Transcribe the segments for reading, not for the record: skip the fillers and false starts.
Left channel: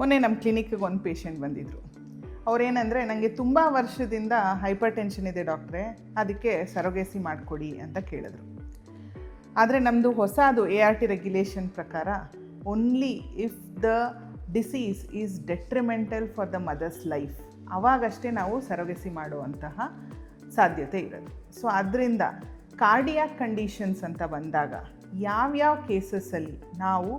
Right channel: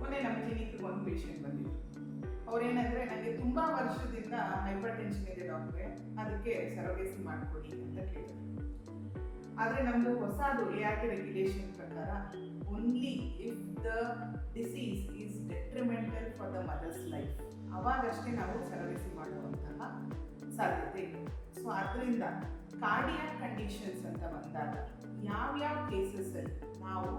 ಮೊನ್ನೆ ನಮ್ಮ ಕ್ಲಿನಿಕ್ಗೆ ಒಂದು ಪೇಷಂಟ್ ಬಂದಿದ್ದರು. ಅವರೇನೆಂದರೆ, ನನಗೆ ತುಂಬ ವರ್ಷದಿಂದ ಹೈಪರ್ ಟೆನ್ಷನ್ ಇದೆ ಡಾಕ್ಟ್ರೇ, ಅದಕ್ಕೆ ಸರೋಗೇಸಿ ಮಾಡಿಕೊಡಿ ಅಂತ ಕೇಳಿದ್ರು. ಆದರೆ ನಮ್ಮದು ಹೊಸದು ART ರೆಗ್ಯುಲೇಷನ್ ಪ್ರಕಾರ only if the disease is detrimental for the mother's life, ಆವಾಗಷ್ಟೇ ನಾವು ಸರೋಗೇಸಿ ಮಾಡುವಂತಹ ಸಾಧ್ಯತೆ ಇರೋದು. ಸೊ ಅದರಿಂದ ಕಾರ್ಡಿಯಾಕ್ ಕಂಡೀಷನ್ಸ್ ಅಂತ ಬಂದಾಗ ಯಾವ್ಯಾವ ಕೇಸಸ್ಸಲ್ಲಿ ನಾವು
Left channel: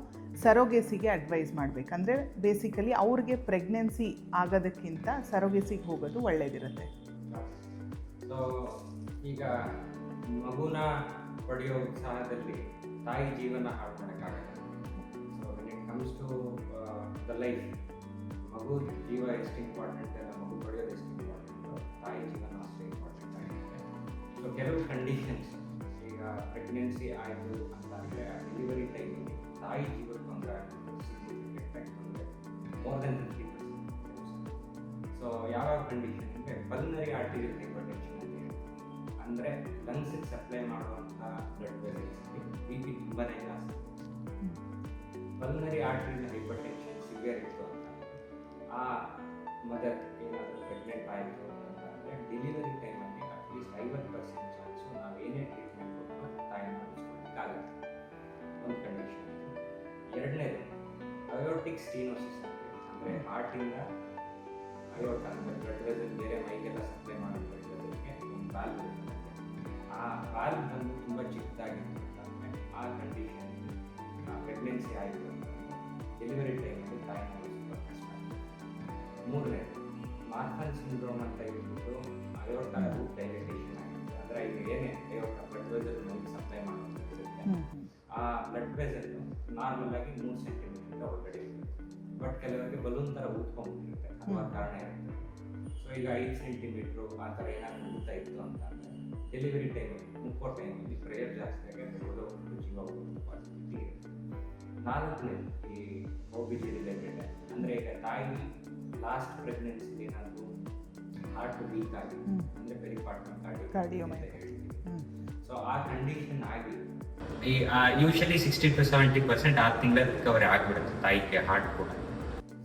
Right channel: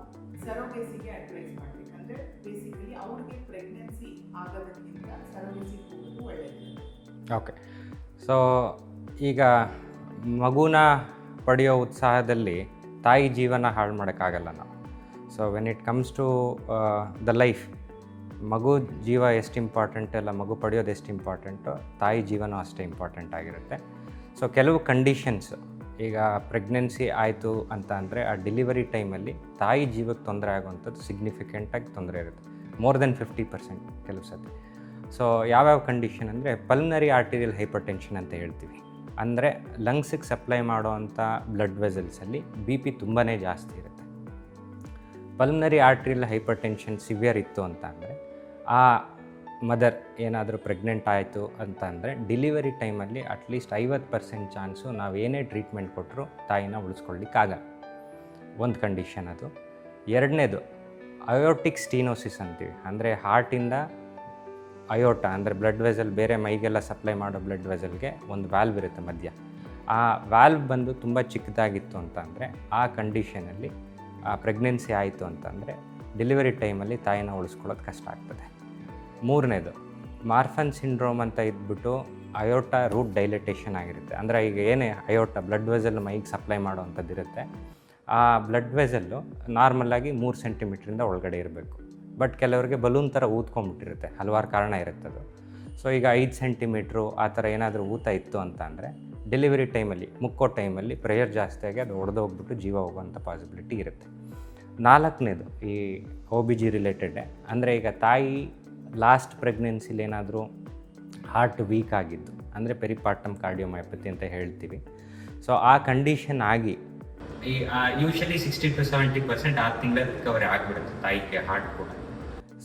ಸರೋಗೇಸಿಗೆ ಅಡ್ವೈಸ್ ಮಾಡಬೇಕಂದ್ರೆ, ಬೇಸಿಕಲಿ ಅವ್ರಿಗೆ ಪ್ರೆಗ್ನೆನ್ಸಿ ಆಗೋದಕ್ಕಿಂತ ಸರೋಗೇಸಿಗೆ ಹೋಗೋದು ಒಳ್ಳೆಯದಿರುತ್ತೆ. ಓಕೆ, ಸೊ ಈಗ ಮಗುನ ಪಡೆಯೋ ಉತ್ಸಾಹದಲ್ಲಿ ತಾಯಿ ಜೀವನ ಹಾಳು ಮಾಡೋಕ್ಕಾಗಲ್ಲ ನಾವು. So when it comes to the life, ಮಗು ಜೀವ ಎಷ್ಟು ಇಂಪಾರ್ಟೆಂಟ್ ಅಲ್ಲ, ಮಗು ಪಡೆಯೋದು ಎಷ್ಟು ಇಂಪಾರ್ಟೆಂಟು, ತಾಯಿ ಜೀವನ ಅಷ್ಟೇ ಇಂಪಾರ್ಟೆಂಟ್ ಆಗಿರುತ್ತೆ. ಸೊ ಕೆಲವು ಕಂಡೀಷನ್ಸ್, ಈಗ ಪ್ರೆಗ್ನೆನ್ಸಿ ಆಯಿತು ಅಂತ ಅಂದರೆ ಆ ಡೆಲಿವರಿ ಟೈಮಲ್ಲಿ ತಾಯಿ ಜೀವಕ್ಕೆ ತೊಂದರೆ ಆಗುವಂಥದ್ದು ಸಿಗ್ನಿಫಿಕೆಂಟಾಗಿ ತೊಂದರೆ ಇರುತ್ತೆ, ಮೋರ್ ದೆನ್ 50% ಕೆಲವು ಸತಿ. ಸೊ ಯಾವ್ಯಾವ ಕಂಡೀಷನ್ ಅಂದರೆ ಪಲ್ಮನರಿ ಆರ್ಟೀರಿಯಲ್ ಹೈಪರ್ ಟೆನ್ಷನ್ ಅಂತ ಹೇಳ್ತೀವಿ. ಅಂದರೆ ಲಂಗ್ಸಿಗೆ ಸಪ್ಲೈ ಮಾಡೋವಂಥ ಬ್ಲಡ್ ವೆಸಲ್ಸಲ್ಲಿ BP ತುಂಬಾ ಜಾಸ್ತಿ ಇರುತ್ತೆ. Pulmonary arterial hypertension severe ಇತ್ತು ಅಂತ ಅಂದರೆ, ಆ ಮದರ್ ಏನಾದರೂ ಪ್ರೆಗ್ನೆಂಟ್ ಆಯಿತು ಅಂತ ಅಂದರೆ ಡೆಲಿವರಿ ಟೈಮಲ್ಲಿ ಅಟ್ಲೀಸ್ಟ್ 50% ಚಾನ್ಸು ನಾವೇನೇ ಟ್ರೀಟ್ಮೆಂಟ್ ಕೊಟ್ಟರು ತಾಯಿನ ಉಳಿಸ್ಕೊಳ್ಳಿಕ್ಕಾಗಲ್ಲ. ಒಂದು ಕಂಡೀಷನ್ ಅದು. ಎರಡನೇದು ಅಯೋಟಿಕ್ ಸ್ಟೀನೋಸಿಸ್ ಅಂತೀವಿ. ಅಂದರೆ ಹಾರ್ಟಿಂದ ಅಯೋಟ ಅಂದರೆ ಬ್ಲಡ್ ವೆಸಲ್, ಬೇರೆ ಮೈಗೆಲ್ಲ ಸಪ್ಲೈ ಮಾಡೋ ಬ್ಲಡ್ ವೆಸಲ್ಗೆ ಒಂದು ವ್ಯಾಲ್ವ್ ಇರುತ್ತೆ ಮಧ್ಯ. ಆ ವ್ಯಾಲ್ವ್ ಬಂದು ತುಂಬ ಚಿಕ್ಕದಾಗಿತ್ತು ಅಂತ ಅಂದರೆ ಆ ಕಂಡೀಷನಲ್ಲಿ ಪ್ರೆಗ್ನೆನ್ಸಿ ಆಯಿತು ಅಂತಂದರೆ ಡೆಲಿವರಿ ಟೈಮಲ್ಲಿ ತಾಯಿನ ಉಳಿಸ್ಕೊಳ್ಳೋದು ಕಷ್ಟ ಆಗ್ತದೆ. ಮೂರನೇದು ಮಾರ್ಫನ್ ಸಿಂಡ್ರೋಮ್ ಅಂತ ಇದ್ಬಿಟ್ಟು ಅಯೋಟ ರೂಟ್ ಡೈಲಟೇಷನ್ ಆಗಿರುತ್ತೆ. ಅಂದರೆ ಈಗ ಏನೇ ಅಯೋಟ ಬ್ಲಡ್ ವೆಸಲ್ ಮೈಗೆ ಸಪ್ಲೈ ಮಾಡೋವಂಥದ್ದು ಇರುತ್ತೆ, ಆ ಬ್ಲಡ್ ವೆಸಲ್ಲು ನಾರ್ಮಲಾಗಿ 3 ಸೆಂಟಿಮೀಟ್ರಿಂದ ಒಳಗಡೆ ಇರಬೇಕು. ಬಟ್ ಕೆಲವರಿಗೆ ಬಲೂನ್ ಥರ ಊದ್ಕೊಂಡ್ಬಿಟ್ಟಿರುತ್ತೆ, ಹಲವಾರು ಕಾರಣ ಇರುತ್ತದು. ಸೊ ಈಗ 5 ಸೆಂಟಿಮೀಟ್ರು ಆ ಥರ ಏನಾದರೂ ಊತ ಇತ್ತು ಅಂತ ಅಂದರೆ ಡೆಲಿವರಿ ಟೈಮಲ್ಲಿ, ಮುಕ್ಕೋ ಟೈಮಲ್ಲಿ ಪ್ರೆಷರ್ ಜಾಸ್ತಿ ಆಗಿ ಅದು ಒಡೆದೋಗ್ಬಿಟ್ಟು ಜೀವ ಹೋಗುವಂಥ ಪಾಸಿಬಿಲಿಟಿ ಇರುತ್ತೆ. ನಾಲ್ಕನೇದು ಈ OBG ರಿಲೇಟೆಡ್, ಅಂದರೆ ಈಗ ತಾಯಿ ಲಾಸ್ಟ್ ಪ್ರೆಗ್ನೆನ್ಸಿಲಿ ಏನಾದರೂ ಹಾರ್ಟ್ ವೀಕ್ ಆಗಿದ್ದು, ಅಂದರೆ ಪೆರಿಪಾರ್ಟಮ್ ಕಾರ್ಡಿಯೋಮಯೋಪತಿ ಅಂತ ಹೇಳ್ತೀವಿ. ಸೊ ಆ ಕಂಡೀಷನ್ ಆಗಿ ಈ ಯೂಶಲಿ 60 to 70% 6 ತಿಂಗಳ ರಿಕವರಿ ಆಗಿಬಿಡುತ್ತೆ ತಾಯಿಗೆ ಹಾರ್ಟ್ ಕೂಡ.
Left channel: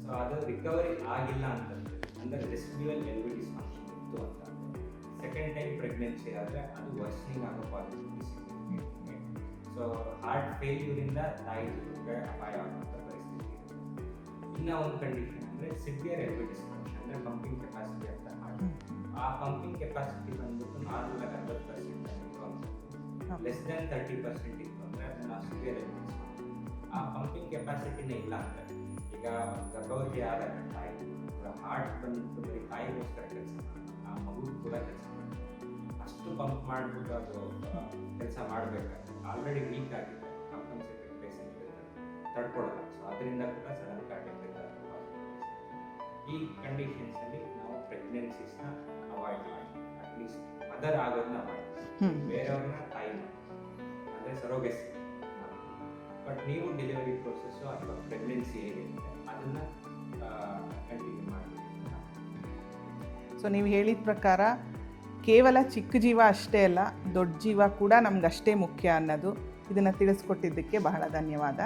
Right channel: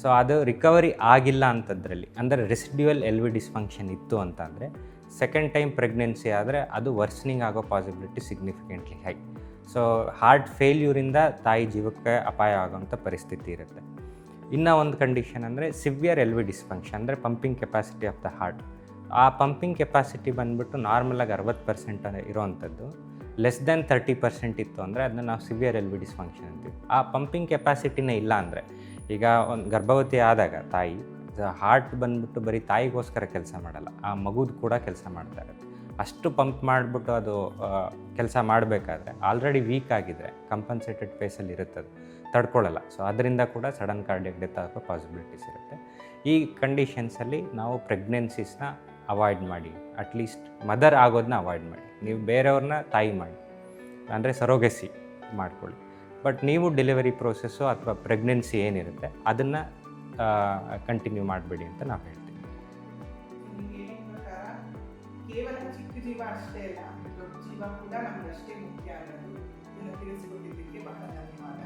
ಸೊ ಅದು ರಿಕವರಿ ಆಗಿಲ್ಲ ಅಂಥದ್ರಲ್ಲಿ, ಅಂದರೆ ರೆಸಿಡ್ಯುವಲ್ LV ಡಿಸ್ಫಂಕ್ಷನ್ ಇತ್ತು ಅಂತ ಅಂದರೆ ಸೆಕೆಂಡ್ ಟೈಮ್ ಪ್ರೆಗ್ನೆನ್ಸಿ ಆದರೆ ಅದು ವರ್ಸ್ನಿಂಗ್ ಆಗೋ possibility significantly high. So heart ಫೇಲ್ಯೂರಿಂದ ತಾಯಿ ಜೀವಕ್ಕೆ ಅಪಾಯ ಆಗೋಂಥ ಪರಿಸ್ಥಿತಿ ಇರುತ್ತೆ. ಇನ್ನೂ ಒಂದು ಕಂಡೀಷನ್ ಅಂದರೆ ಸಿವಿಯರ್ LV ಡಿಸ್ಫಂಕ್ಷನ್, ಅಂದರೆ pumping capacity of the heart. ಆ ಪಂಪಿಂಗ್ ಕೆಪಾಸಿಟಿ ಬಂದುಬಿಟ್ಟು ನಾರ್ಮಲಾಗಿ 60% ಇರೋವಂಥದ್ದು, ಲೆಸ್ ದ್ಯಾನ್ 30% ಇತ್ತು ಅಂದರೆ ಅದನ್ನ ನಾವು ಸಿವಿಯರ್ LV ಡಿಸ್ಫಂಕ್ಷನ್ ಅಂತೀವಿ. ಆ ಪಂಪಿಂಗ್ ಕೆಪಾಸಿಟಿನೇ ಇಲ್ಲ ಅಂದರೆ, ಈಗ ಒಂದು ಗರ್ಭವತಿ ಆದಾಗ ತಾಯಿ ಹಾರ್ಟ್ ಬಂದುಬಿಟ್ಟು ಬರೀ ತಾಯಿಗೋಸ್ಕರ ಕೆಲಸ ಮಾಡಲ್ಲ, ಆ ಮಗುದು ಕೂಡ ಕೆಲಸ ಮಾಡ್ತಾರೆ. ಅಷ್ಟು ಪಂಪ್ ಮಾಡಿಬಿಟ್ಟು ಅದು ಕೆಲಸ ಮಾಡಬೇಕಾದ್ರೆ ಆಲ್ರೆಡಿ ವೀಕ್ ಆಗಿದ್ರೆ ಕಂಪನ್ಸೇಟೆಡ್ ಫೇಸಲ್ಲಿ ಇರುತ್ತದೆ, ತಡ್ಕೊಳ್ಳಲ್ಲ. ಸೊ ಅದರಿಂದ ಕೂಡ ಸಡನ್ ಕಾರ್ಡಿಯಕ್ ಡೆತ್ ಆಗೋ ಪಾಸಿಬಿಲಿಟೀಸ್ ಇರುತ್ತೆ. ಈ ಕಂಡೀಷನ್ಸಲ್ಲಿ ನಾವು ಪ್ರೆಗ್ನೆನ್ಸೀಸ್ನ ಅವಾಯ್ಡ್ ಮಾಡಿ, ಅಟ್ಲೀಸ್ಟ್ ಮದರ್ ಆಗೋದನ್ನ ಅವಾಯ್ಡ್ ಮಾಡಿ. ನೀವು ಬೇರೆಯವ್ರನ್ನ ತಾಯಿ ಮಾಡಿ, ಅಂದರೆ ಸರೋಗೆಸಿ ಮಾಡ್ಕೊಳ್ಳಿ. ಬಟ್ ನೀವು ಡೆಲಿವರಿ ಪ್ರೋಸೆಸ್ಸು ಅಥವಾ ಪ್ರೆಗ್ನೆನ್ಸಿ ಏನಿರುತ್ತೆ ಅದನ್ನು ಕಂಟಿನ್ಯೂ ಮಾಡಬೇಡಿ ಅಂತ ನಾವು ಹೇಳ್ತೀವಿ. ಸೊ ನೀವು ಹೇಳಿದ ಪ್ರಕಾರ ಕೇವಲ ಚಿಕ್ಕ ಜೀವ ಅಷ್ಟೇ ಅಲ್ಲ, ದೊಡ್ಡ ಜೀವ ಕೂಡ ನಮ್ಗೆ ಅಷ್ಟೇ ಮುಖ್ಯ ಅನ್ನೋದು, ಇದನ್ನು ತಿಳಿಸ್ಕೊಟ್ಟಿದ್ದಕ್ಕೆ ಬಹಳ ಧನ್ಯವಾದ.